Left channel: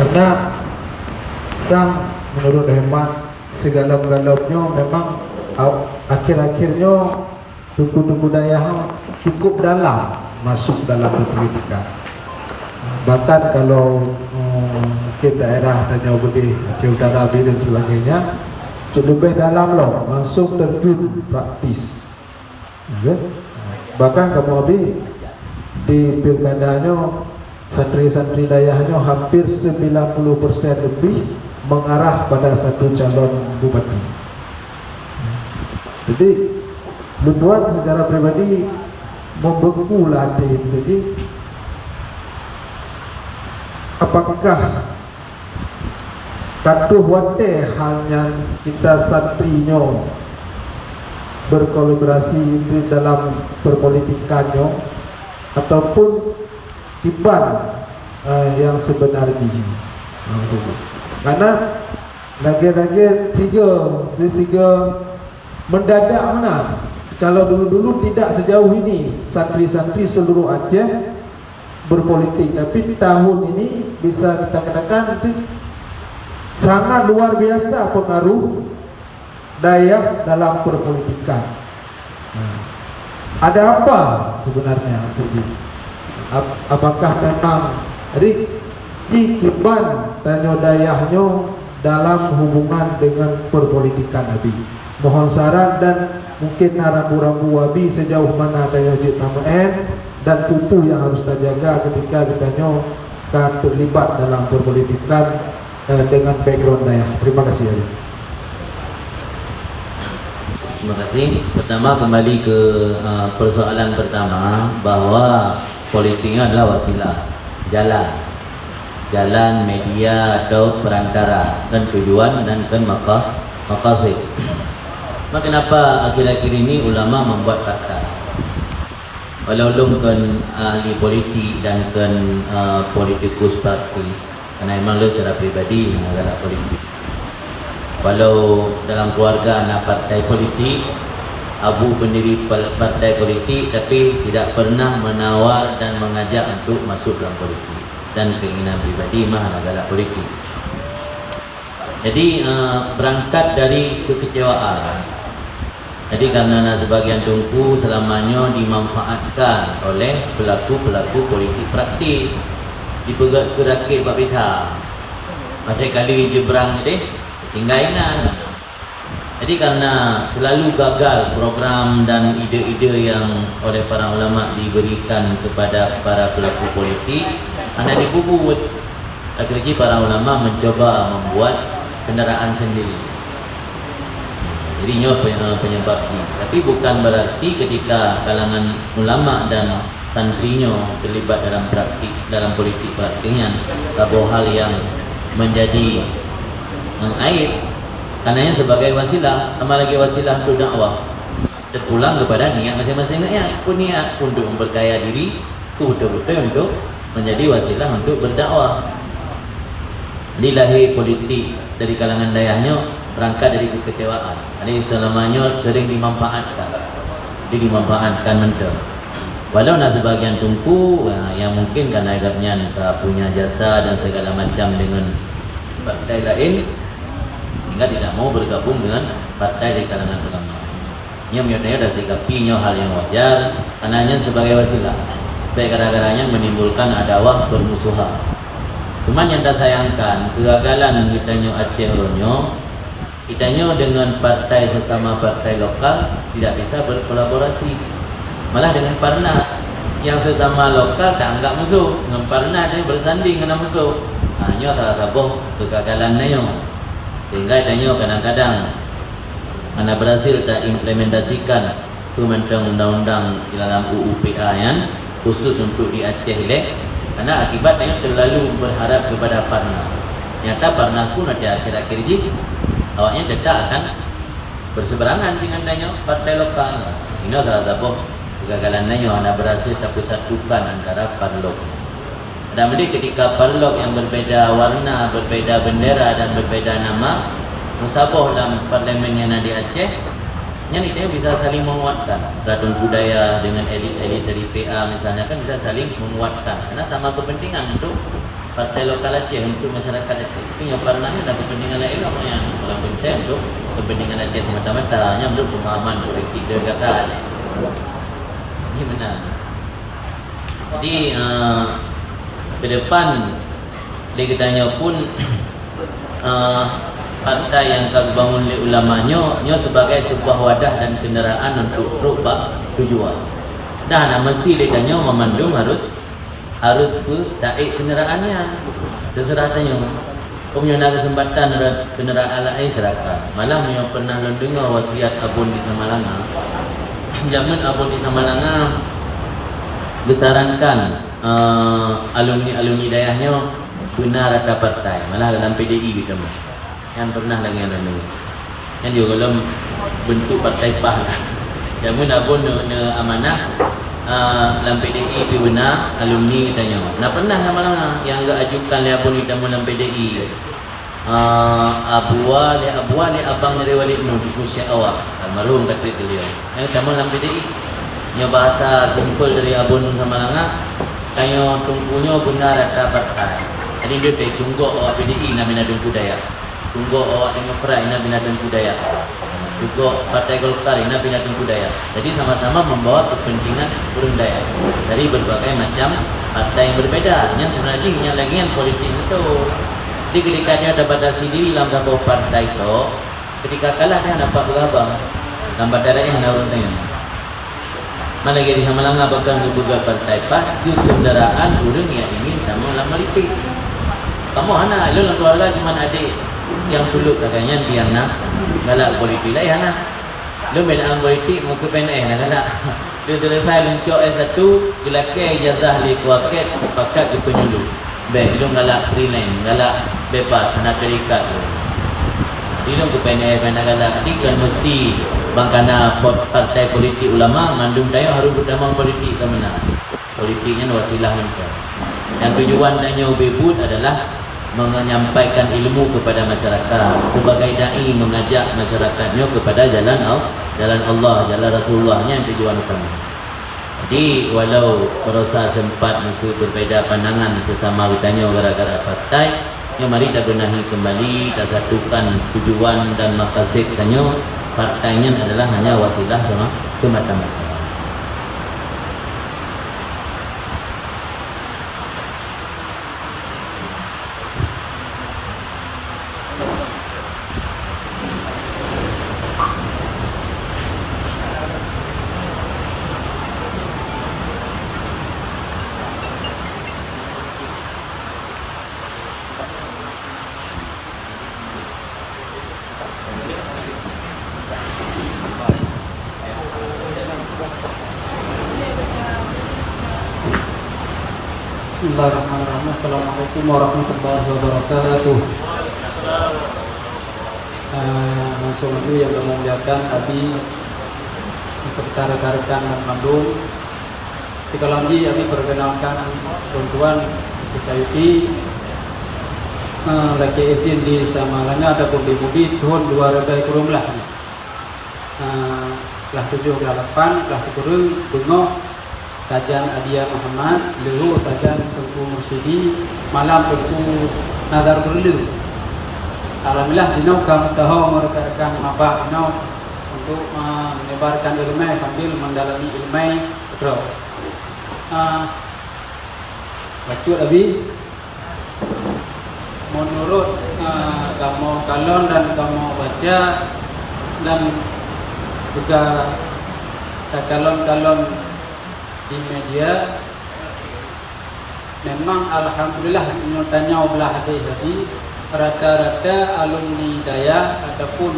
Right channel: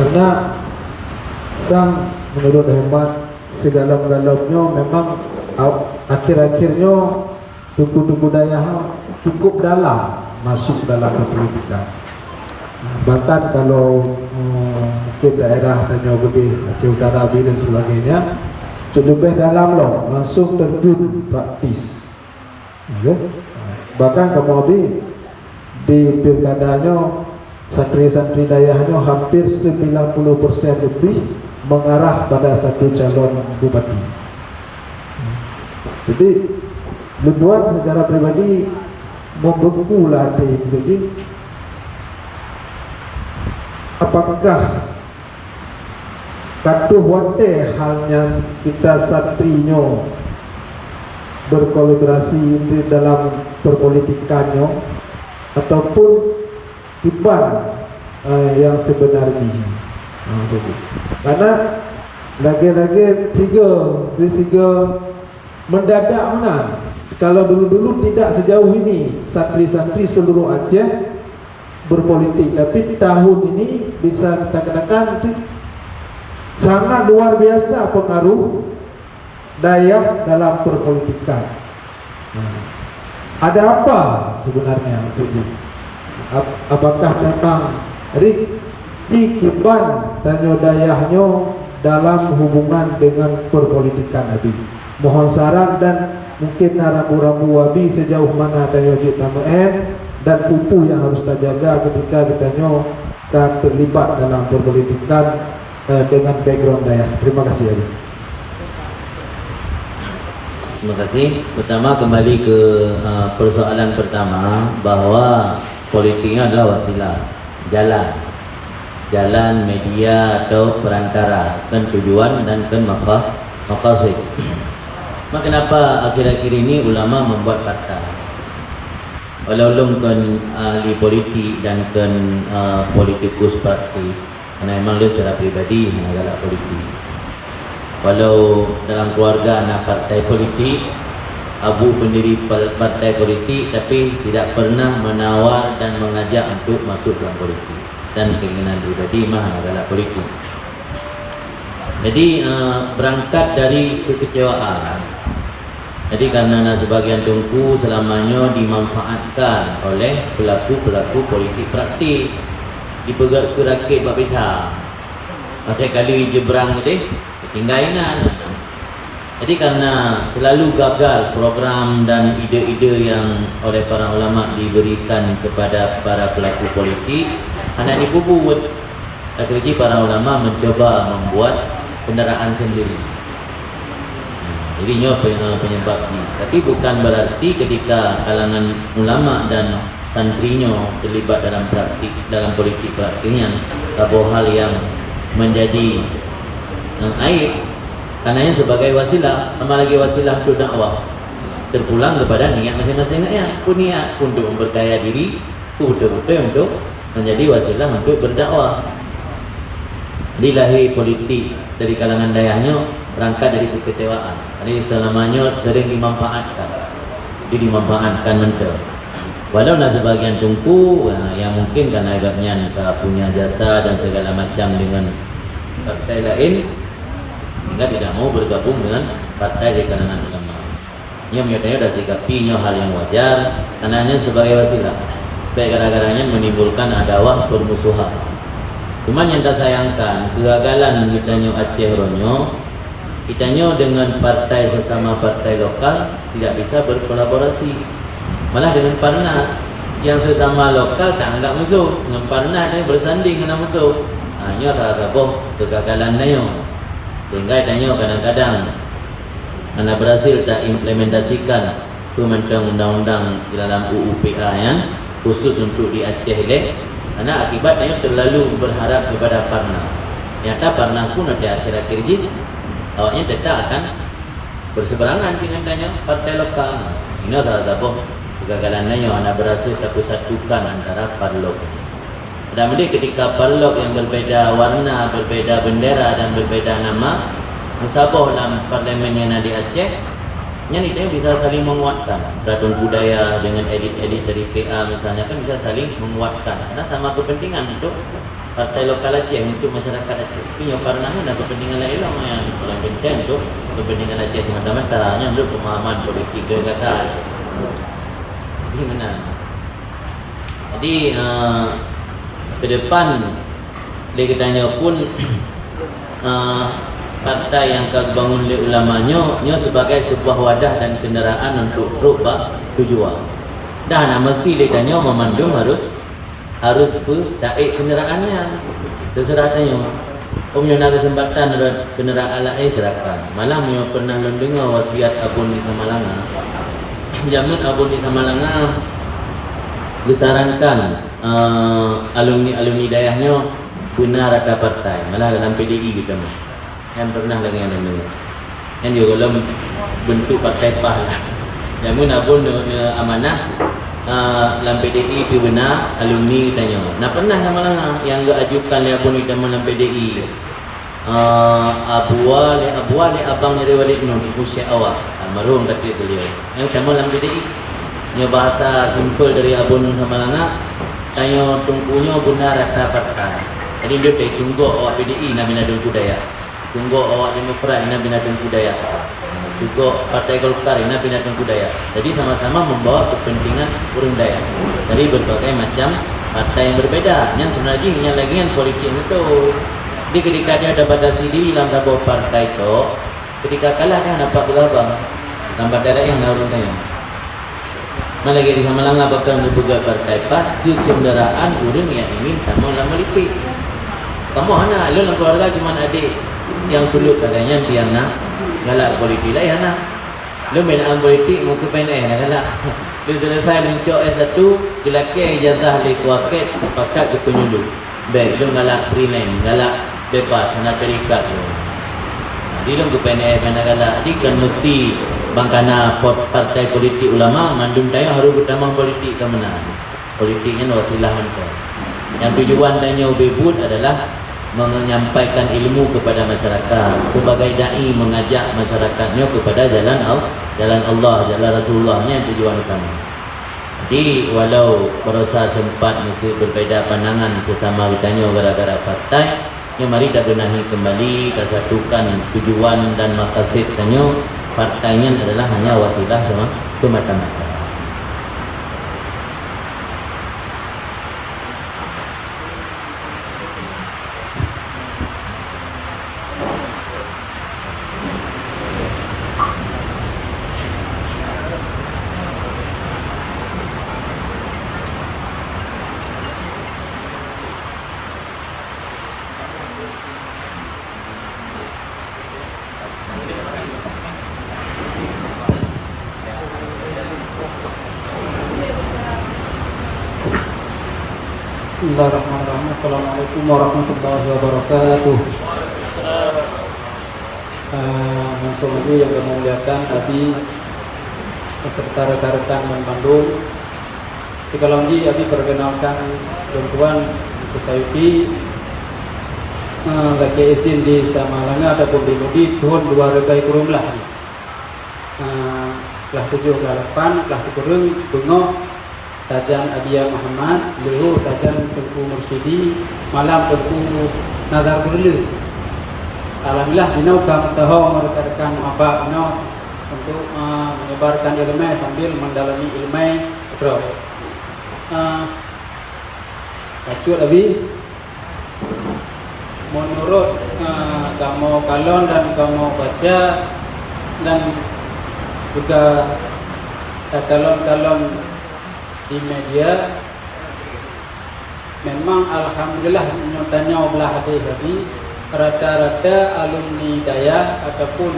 Karena sang menurut hemat segala-galanya memang akhir-akhirnya suku-suku Dayak cukup dalam masuk dalam pendidikan. Bahkan kalau mungkin daerah Tanjung Gede, Aceh Utara dan sebagainya, lebih dalam loh, langsung terjun praktis. Bahkan kemudian di pilkadanya santri-santri Dayaknya hampir 90% lebih mengarah pada satu calon bupati. Jadi Luduan secara pribadi membeku lah hati. Jadi apakah katuh wate halnya kita santrinya berkolaborasi dalam perpolitikannya ataupun tiban yang sebenarnya? Karena lagi-lagi tiga mendadak mana? Kalau dulu-dulu tidak sejauh ini santri-santri seluruh Aceh berpolitik, tapi tahun ini bisa kita katakan sangat luar biasa pengaruh Dayak dalam perpolitikan. Ada apa sebenarnya itu? Apakah memang Kiban Tanjung Dayaknya dalam hubungan dengan perpolitikan Abi? Mohon saran dan mungkin rambu-rambu Abi sejauh mana Tanjung Jitamaen dan pupu yang harus kita jaga ketika ditanya terlibat dalam perpolitikan dengan background Dayak. Terima kasih Abi. Terima kasih. Pertama kembali ke persoalan pertama, bahwa politiknya adalah wasilah, jalan media atau perantara, kan tujuan dan kan maqasid. Maka kenapa akhir-akhir ini ulama membuat kata walau kan ahli politik dan kan politikus praktis, karena memang lu secara pribadi adalah politik. Walau dalam keluarga anak partai politik, abu pendiri partai politik, tapi tidak pernah menawar dan mengajak untuk masuk dalam politik, dan keinginan pribadi mah adalah politik. Jadi berangkat dari kekecewaan. Jadi karena sebagian tungku selamanya dimanfaatkan oleh pelaku-pelaku politik praktis, diperak-perakit babitha. Macam kali jebrang tadi tinggainan. Jadi karena selalu gagal program dan ide-ide yang oleh para ulama diberikan kepada para pelaku politik, hanya dibubut. Akhirnya para ulama mencoba membuat kendaraan sendiri. Jadi ini penyebabnya. Tapi bukan berarti ketika kalangan ulama dan santrinya terlibat dalam praktik dalam politik praktiknya sebuah hal yang menjadi aib, karena yang sebagai wasilah, sama lagi wasilah untuk dakwah, terpulang kepada niat masing-masingnya. Pun niat untuk memperkaya diri itu betul-betul untuk menjadi wasilah untuk berdakwah. Dilahir politik dari kalangan Dayaknya berangkat dari kekecewaan. Jadi selamanya sering dimanfaatkan, mentah. Walau nak sebagian tungku yang mungkin karena agaknya punya jasa dan segala macam dengan partai lain, sehingga tidak mau bergabung dengan partai di kalangan ulama. Ia menyatakan ada sikapinya hal yang wajar, karena sebagai wasilah. Baik kadang-kadangnya menimbulkan adawah permusuhan. Cuman yang tak sayangkan, kegagalan kitanya Aceh Ronyo, kitanya dengan partai sesama partai lokal tidak bisa berkolaborasi. Malah dengan Parnas yang sesama lokal tak anggap musuh, dengan Parnas dia bersanding dengan musuh. Hanya salah satu kegagalan dia. Sehingga kitanya kadang-kadang anda berhasil tak implementasikan kementerian undang-undang dalam UUPA yang khusus untuk di Aceh ini, karena akibatnya terlalu berharap kepada Parnas. Nyata Parnas pun ada akhir-akhir ini awaknya tetap akan berseberangan dengan partai lokal. Ini salah satu kegagalannya yang anda berhasil satu-satukan antara parlok. Dan ketika parlok yang berbeda warna, berbeda bendera dan berbeda nama musabah dalam parlimen yang ada di Aceh, Yang itu bisa saling menguatkan. Gabung budaya dengan elit-elit dari PA misalnya kan bisa saling menguatkan. Karena sama kepentingan untuk partai lokal Aceh, untuk masyarakat Aceh. Punya parlemen dan kepentingan lain yang paling penting untuk kepentingan Aceh semata-mata. Hanya untuk pemahaman politik dekat. Ini benar. Jadi ke depan kita pun partai yang terbangun oleh ulamanya sebagai sebuah wadah dan kenderaan untuk terubah tujuan. Dan mesti lekanya memandung harus taik kenderaannya. Terserah tanya. Punya kesempatan kenderaan lain serahkan. Malam yang pernah mendengar wasiat Abun di Samalanga. Zaman Abun di Samalanga disarankan alumni dayahnya benar rata partai. Malah dalam PDI gitu. Yang pernah dengan ini, yang dia dalam bentuk partai PAH. Yang pun abun amanah dalam PDI pi benar alumni katanya. Nah pernah sama yang enggak ajukan le abun kita dalam PDI. Abu Ali abang dari Walid Nur usia awal almarhum kata dia. Yang sama dalam PDI. Yang bahasa simple dari abun sama tanya tungkunya benar rata partai. Jadi dia tunggu awak PDI nak bina dan budaya. Tunggu awak Demokrat ina binatang budaya. Tunggu Partai Golkar ina binatang budaya. Jadi sama-sama membawa kepentingan urang daya dari berbagai macam partai yang berbeda. Yang sebenarnya yang lagi yang politik itu. Jadi ketika dia dapat diri dalam sebuah partai itu, ketika kalah dia dapat berapa? Tambah daerah yang nyaruhnya. Mana jadi sama langah bakal juga partai PAH itu kenderaan urang yang ingin sama dalam politik. Kamu anak, lu keluarga cuma adik yang sulut katanya dia nak galak politik lah anak. Lu belaan politik muka pendek nak galak. Dia selesai lencok S1 gelakai ijazah li kuaket pakat ke penyuluh. Baik lu galak freelance, galak bebas sana terikat. Dia lu pendek galak. Dia kan mesti bangkana partai politik ulama mandum tayo harus utama politik ke mana. Politiknya wasilah untuk. Yang tujuan tanya bebut adalah menyampaikan ilmu kepada masyarakat, sebagai dai mengajak masyarakatnya kepada jalan Allah, jalan Rasulullahnya yang tujuan utama. Jadi walau terasa sempat masih berbeza pandangan sesama ditanya gara-gara partai, mari kita benahi kembali, kita satukan tujuan dan maqasid tanya partainya adalah hanya wasilah semata-mata. Bismillahirrahmanirrahim. Assalamualaikum warahmatullahi wabarakatuh. Sungguh yang memuliakan Abi beserta rekan-rekan yang Bandung. Jika lagi Abi perkenalkan bantuan Sayuti lagi izin di Samalanga ataupun di Mudi tahun 2000 lah. Kelas 7, kelas 8, kelas 10 tengok Tajan Adia Muhammad, Lehu Tajan Tengku Mursidi, Malam Tengku Nazar Perlu. Alhamdulillah dino kami tahu merekarkan apa dino untuk menyebarkan ilmu sambil mendalami ilmu terus. Baca Abi menurut kamu kalon dan kamu baca dan juga kalon-kalon di media memang alhamdulillah tanya belah hati rata-rata alumni daya ataupun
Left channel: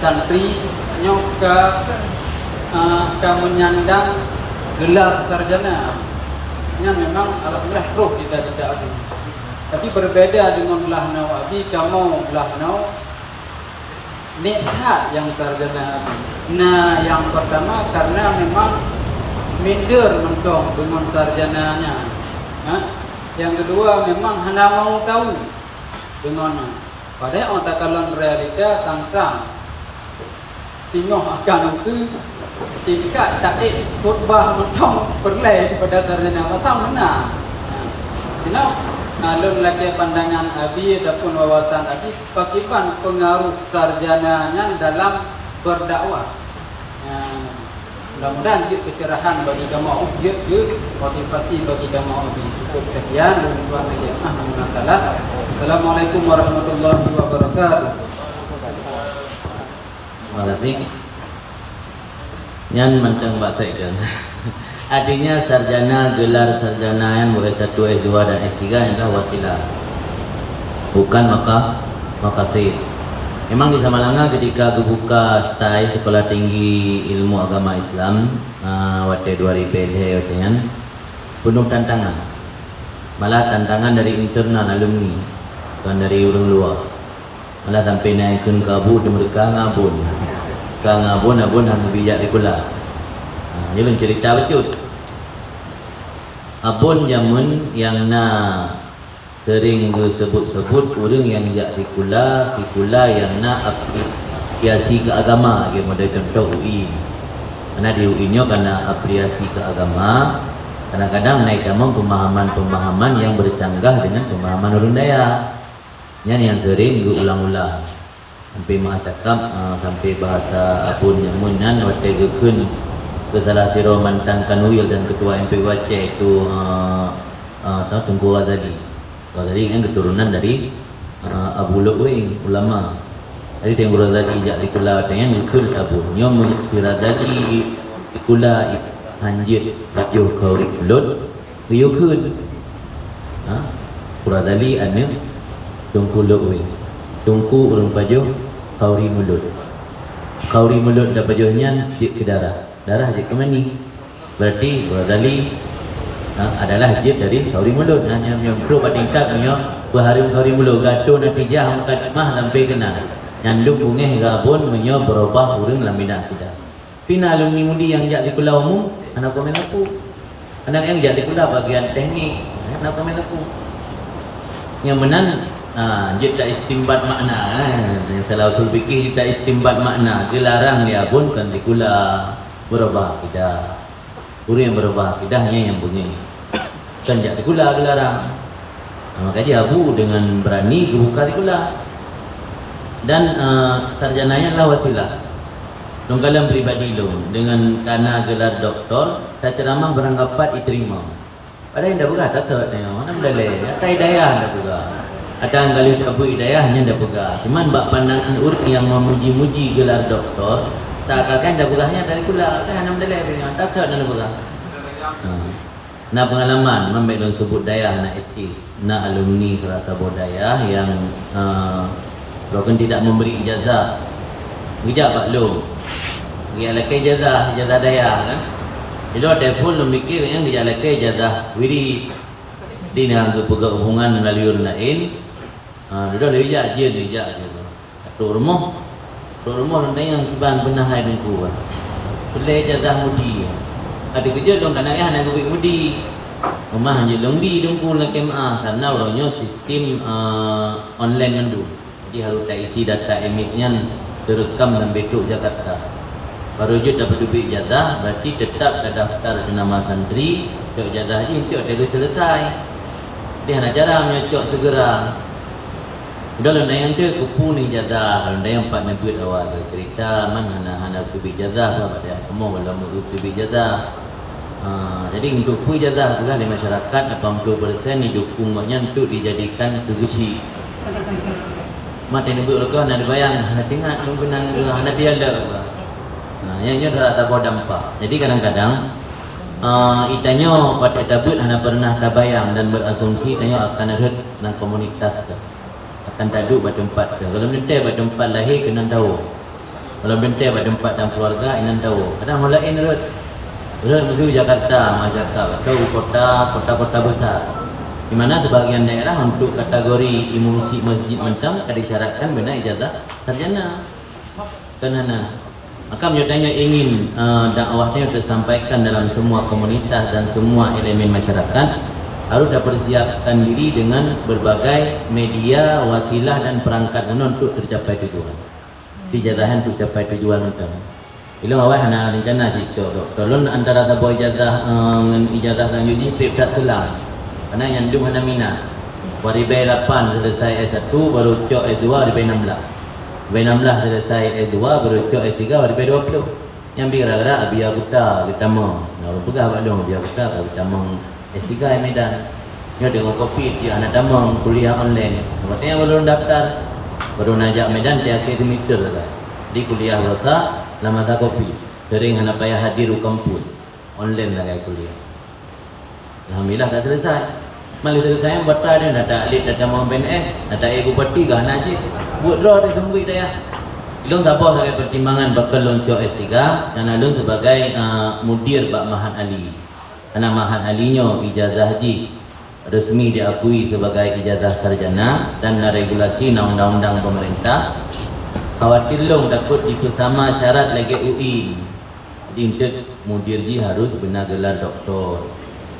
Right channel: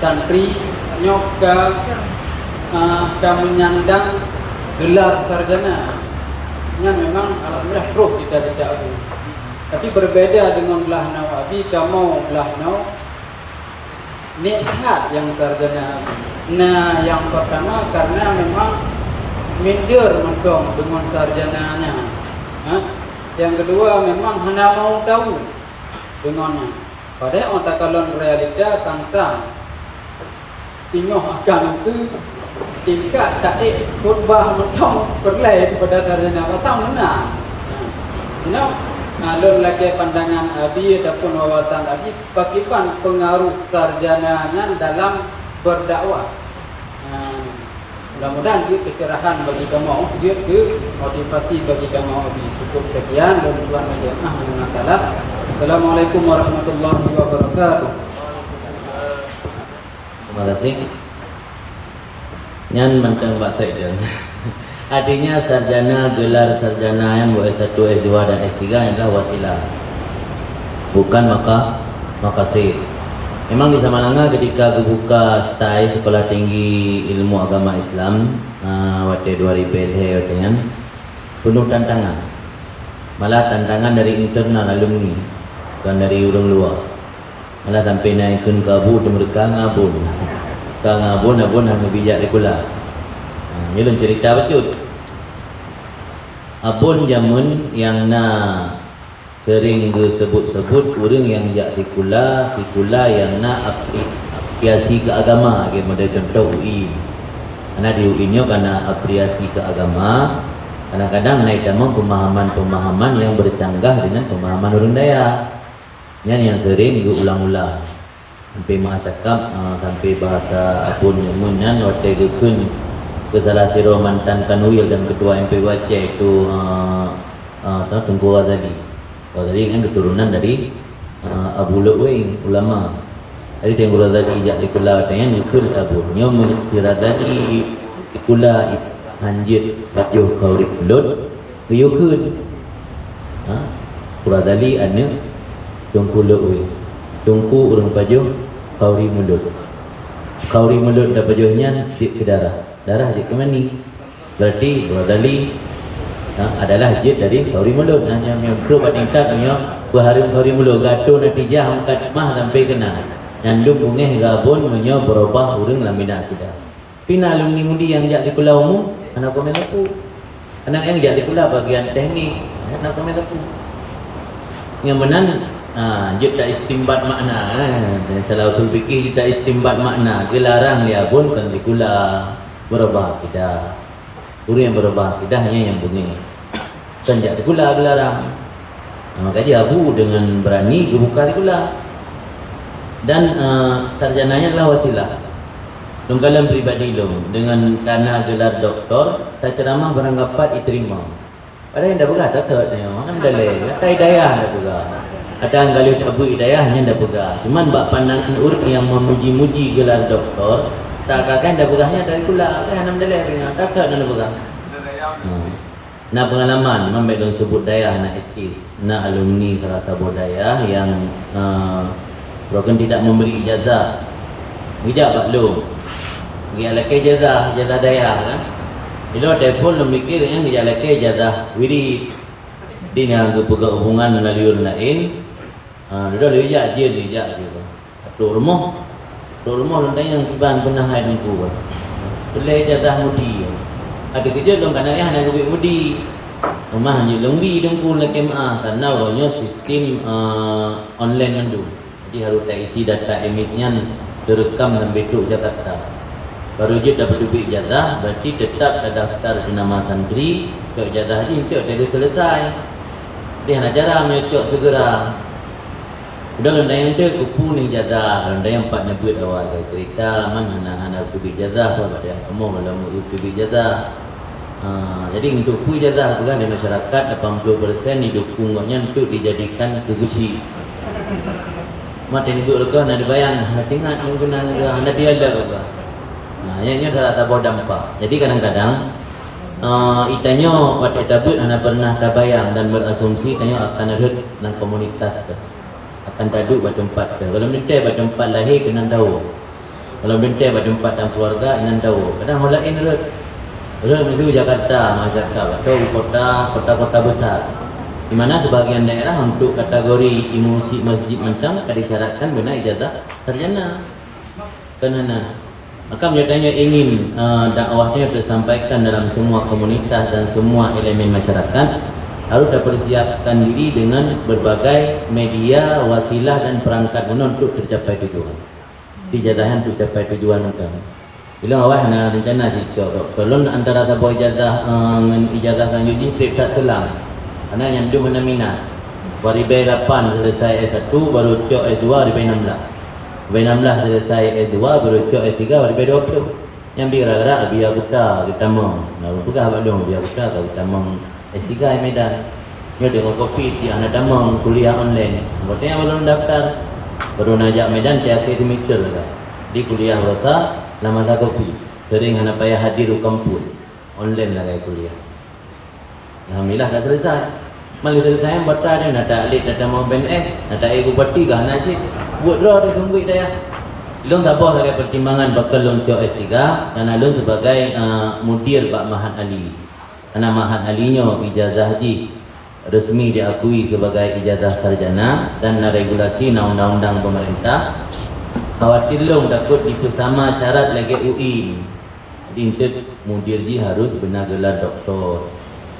santri nyoka menyandang gelar sarjana. Ini memang alhamdulillah roh kita tidak ada. Tapi berbeda dengan belah nawabi, kamu belah naw nikhat yang sarjana. Nah, yang pertama karena memang minder mendong dengan sarjananya. Yang kedua memang hanya mau tahu dengannya. Padahal otak kalon realita samsam Tengok akan itu tidak tak khutbah matang perlai kepada sarjana matang mana. Kenapa? Kalau lagi pandangan Abi ataupun wawasan Abi, bagaimana pengaruh sarjananya dalam berdakwah? Mudah-mudahan dia kecerahan bagi kamu, dia motivasi bagi kamu Abi. Cukup sekian dan Tuhan menjadi Assalamualaikum warahmatullahi wabarakatuh. Terima kasih. Nyan mentang bahasa Ikan. Artinya sarjana, gelar sarjana yang S1, S2 dan S3 adalah wasilah, bukan makasih. Memang di Samalanga ketika aku buka STAI Sekolah Tinggi Ilmu Agama Islam waktu 2000 waktunya penuh tantangan. Malah tantangan dari internal alumni, bukan dari orang luar. Malah sampai naikkan kabu dan mereka ngabun. Ngabun hanya bijak di kula. Ini cerita betul. Abun jamun yang sering sebut-sebut orang yang jak di kula yang apresiasi ke agama. Model contoh UI. Karena di UI nya karena apresiasi ke agama, kadang-kadang naik dalam pemahaman yang bercanggah dengan pemahaman orang Dayak. Yang sering diulang-ulang sampai mengatakan sampai bahasa abun nyamunan waktu gekun ke salah siro mantan kanwil dan ketua MPU Aceh itu Tengku Ghazali. Ghazali kan keturunan dari Abu Lu'wing ulama. Jadi Tengku Ghazali jak dikula pengen gekun abun nyom Ghazali dikula hanjit radio kauri pulut riukun Ghazali ane Tungku Lu'wing, tungku urang pajuh kauri mulut. Kauri mulut dah pajuhnya jik ke darah jik ke mani. Berarti Ghazali adalah jik dari kauri mulut. Hanya yang perlu tingkat punya berharim kauri mulut gaduh natijah angkat mah sampai kena nyandung bungeh gabun punya berubah urang lamina kita. Pina alumni mudi yang jak di kula umum anak komen aku. Anak yang jak di kula bagian teknik anak komen aku. Yang benar dia tak istimbat makna yang salah usul fikih kita istimbat makna dilarang dia pun kan dikula berubah kita guru yang berubah kita hanya yang bunyi kan jak dikula dilarang maka dia abu dengan berani buka dikula dan sarjananya adalah wasilah dalam pribadi dengan karena gelar doktor tak ceramah beranggapan diterima ada yang dah berkata tak tanya mana boleh kata hidayah dah berkata ada kalau Abu Hidayahnya dah pegang. Cuman bak pandangan urut yang memuji-muji gelar doktor, tak akan dah pegahnya dari kula. Kan alhamdulillah ni tak nak pegang. Nah pengalaman memang dengan sebut daya anak etis, nak alumni salah satu daya yang bahkan tidak memberi ijazah. Bijak Pak Long. Dia laki ijazah daya kan. Bila telefon lu mikir yang dia laki ijazah wirid. Dia nak pegang hubungan melalui orang lain. Dia lejak je juga. Tok rumah rendah yang bang pernah hai nunggu. Boleh jatah mudi. Ada kerja dong kadang-kadang hanya kubik mudi. Rumah hanya longgi dengku lagi karena orangnya sistem online mandu. Jadi harus tak isi data emitnya terekam dan betul Jakarta. Baru je dapat duit jatah berarti tetap terdaftar nama santri. Tok jatah je untuk ada selesai. Dia nak jarang menyutuk segera. Udah londa yang tu kupu ni jadah, londa yang empat nebut awal cerita mana hana kubik jadah, apa yang kamu belum kubik jadah. Jadi untuk kubik jadah juga di masyarakat 80% didukungnya untuk dijadikan kegusi. Mati itu lega nak dibayang, nak ingat menggunakan hana tiada lega. Yang adalah tabur dampak. Jadi kadang-kadang itanya waktu tabut hana pernah terbayang dan berasumsi itanya akan ada dalam komunitas tu. Akan taduk pada tempat ke. Kalau menentai pada tempat lahir kena tahu. Kalau menentai pada tempat dan keluarga kena tahu. Kadang orang lain menuju Jakarta, Jakarta atau kota-kota besar. Di mana sebahagian daerah untuk kategori imunisasi masjid macam disyaratkan benar ijazah sarjana. Kenana. Maka menyertanya ingin dakwahnya tersampaikan dalam semua komunitas dan semua elemen masyarakat. Harus persiapkan diri dengan berbagai media, wasilah dan perangkat guna untuk tercapai tujuan. ijazah untuk capai tujuan itu. Bila awak hana rencana si cok, tolong antara sebuah ijazah dengan ijazah selanjutnya tak selang. Karena yang tu mana minat. Waribai 8 selesai S1 baru cok S2 waribai 16. Waribai 16 selesai S2 baru cok S3 waribai 20. Yang bila-bila biar buta kita mau. Mau buka apa dong biar buta kalau kita mau S3 di Medan. Dia dengan kopi dia nak damang kuliah online. Maksudnya baru daftar baru najak Medan tiap semester dah. Di kuliah berasa nama tak kopi. Sering kena payah hadir di kampus. Online lah kayak kuliah. Alhamdulillah dah selesai. Malah selesai batal dia nak tak alit tak mau BNS, nak tak ego parti kah nak cik. Buat draw dia tunggu dia ya. Ilung tak apa sebagai pertimbangan bakal loncok S3 dan alun sebagai mudir Pak Mahat Ali. Karena Mahat Alinya ijazah haji resmi diakui sebagai ijazah sarjana dan regulasi undang-undang pemerintah. Khawatir long takut itu sama syarat lagi UI. Jadi untuk mudir ji harus benar gelar doktor.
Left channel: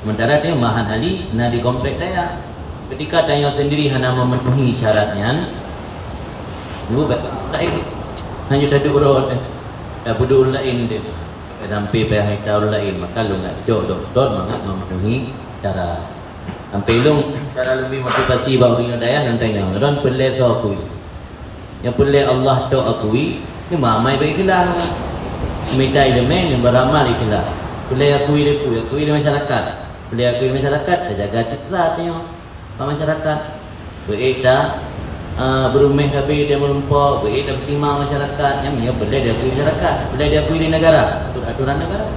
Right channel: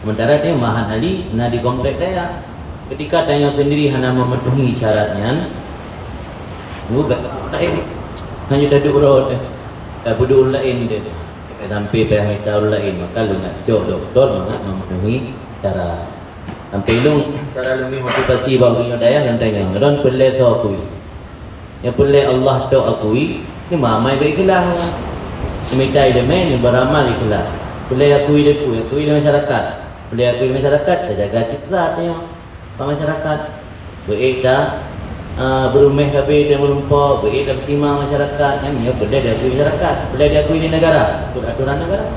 Sementara dia Mahat Ali nak di komplek saya. Ketika tanya sendiri hanya memenuhi syaratnya, bukan lain. Hanya duduk roh dia. Tak duduk lain dia. Sampai payah tahu lain. Maka lu nak jauh doktor mangat memenuhi syarat. Sampai lu cara lebih motivasi bahawa orang daya yang tanya, "Ron pelai tu akui." Yang pelai Allah tu akui, ni mamai baik kelah. Semita dia main beramal ikhlas. Pelai akui di masyarakat. Pelai akui di masyarakat, jaga citra dia. Masyarakat beredar berumeh tapi dia melumpuk, beredar bertimang masyarakat. Yang punya pelai dia akui masyarakat. Pelai dia akui di negara, untuk aturan negara.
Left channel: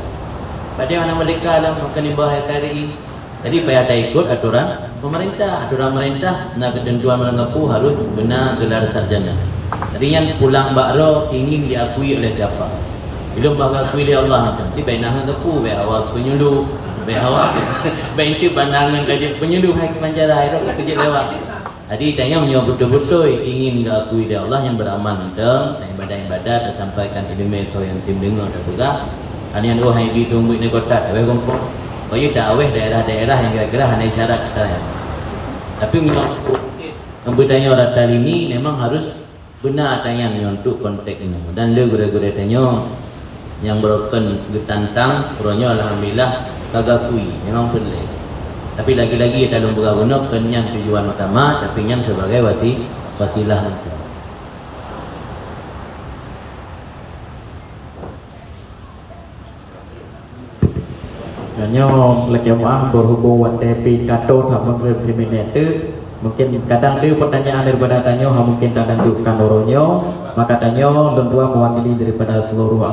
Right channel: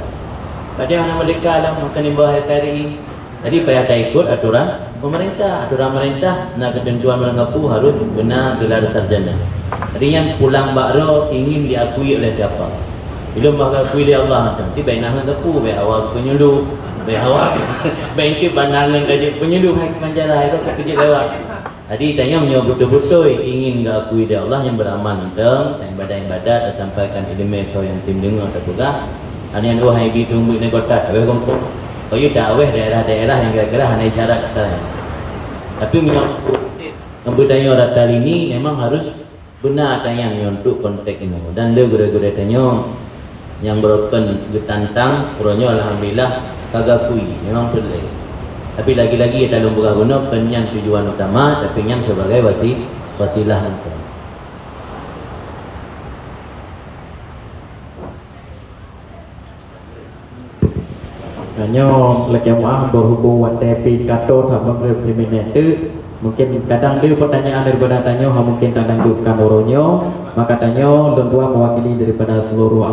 Pada mana mereka dalam makan di bawah KRI. Jadi payah tak ikut aturan pemerintah. Aturan pemerintah nak ketentuan mengaku harus benar gelar sarjana. Jadi yang pulang bakro ingin diakui oleh siapa? Belum bakal akui oleh Allah nanti. Baik nak aku, baik awak penyuluh, baik awak, baik itu pandangan saja penyuluh baik manjalah itu kerja lewat. Jadi tanya punya betul-betul ingin diakui oleh Allah yang beramal tentang ibadah-ibadah dan sampaikan ilmu atau yang tim dengar atau juga. Ada yang dua hari ditunggu di kota, awak kampung. Oh iya tak aweh daerah-daerah yang kira-kira hanya isyarat saya. Tapi memang orang ini memang harus benar tayang untuk konteks ini. Dan dia gura-gura tanya yang broken getantang, puranyo alhamdulillah kagak kui, memang perlu. Tapi lagi-lagi kita belum guna kenyang tujuan utama, tapi yang sebagai wasilah. Hanya jemaah berhubung watepi kato sama kriminal itu mungkin kadang dia pertanyaan daripada tanya mungkin kadang juga kan orangnya maka tanya dan dua mewakili daripada seluruh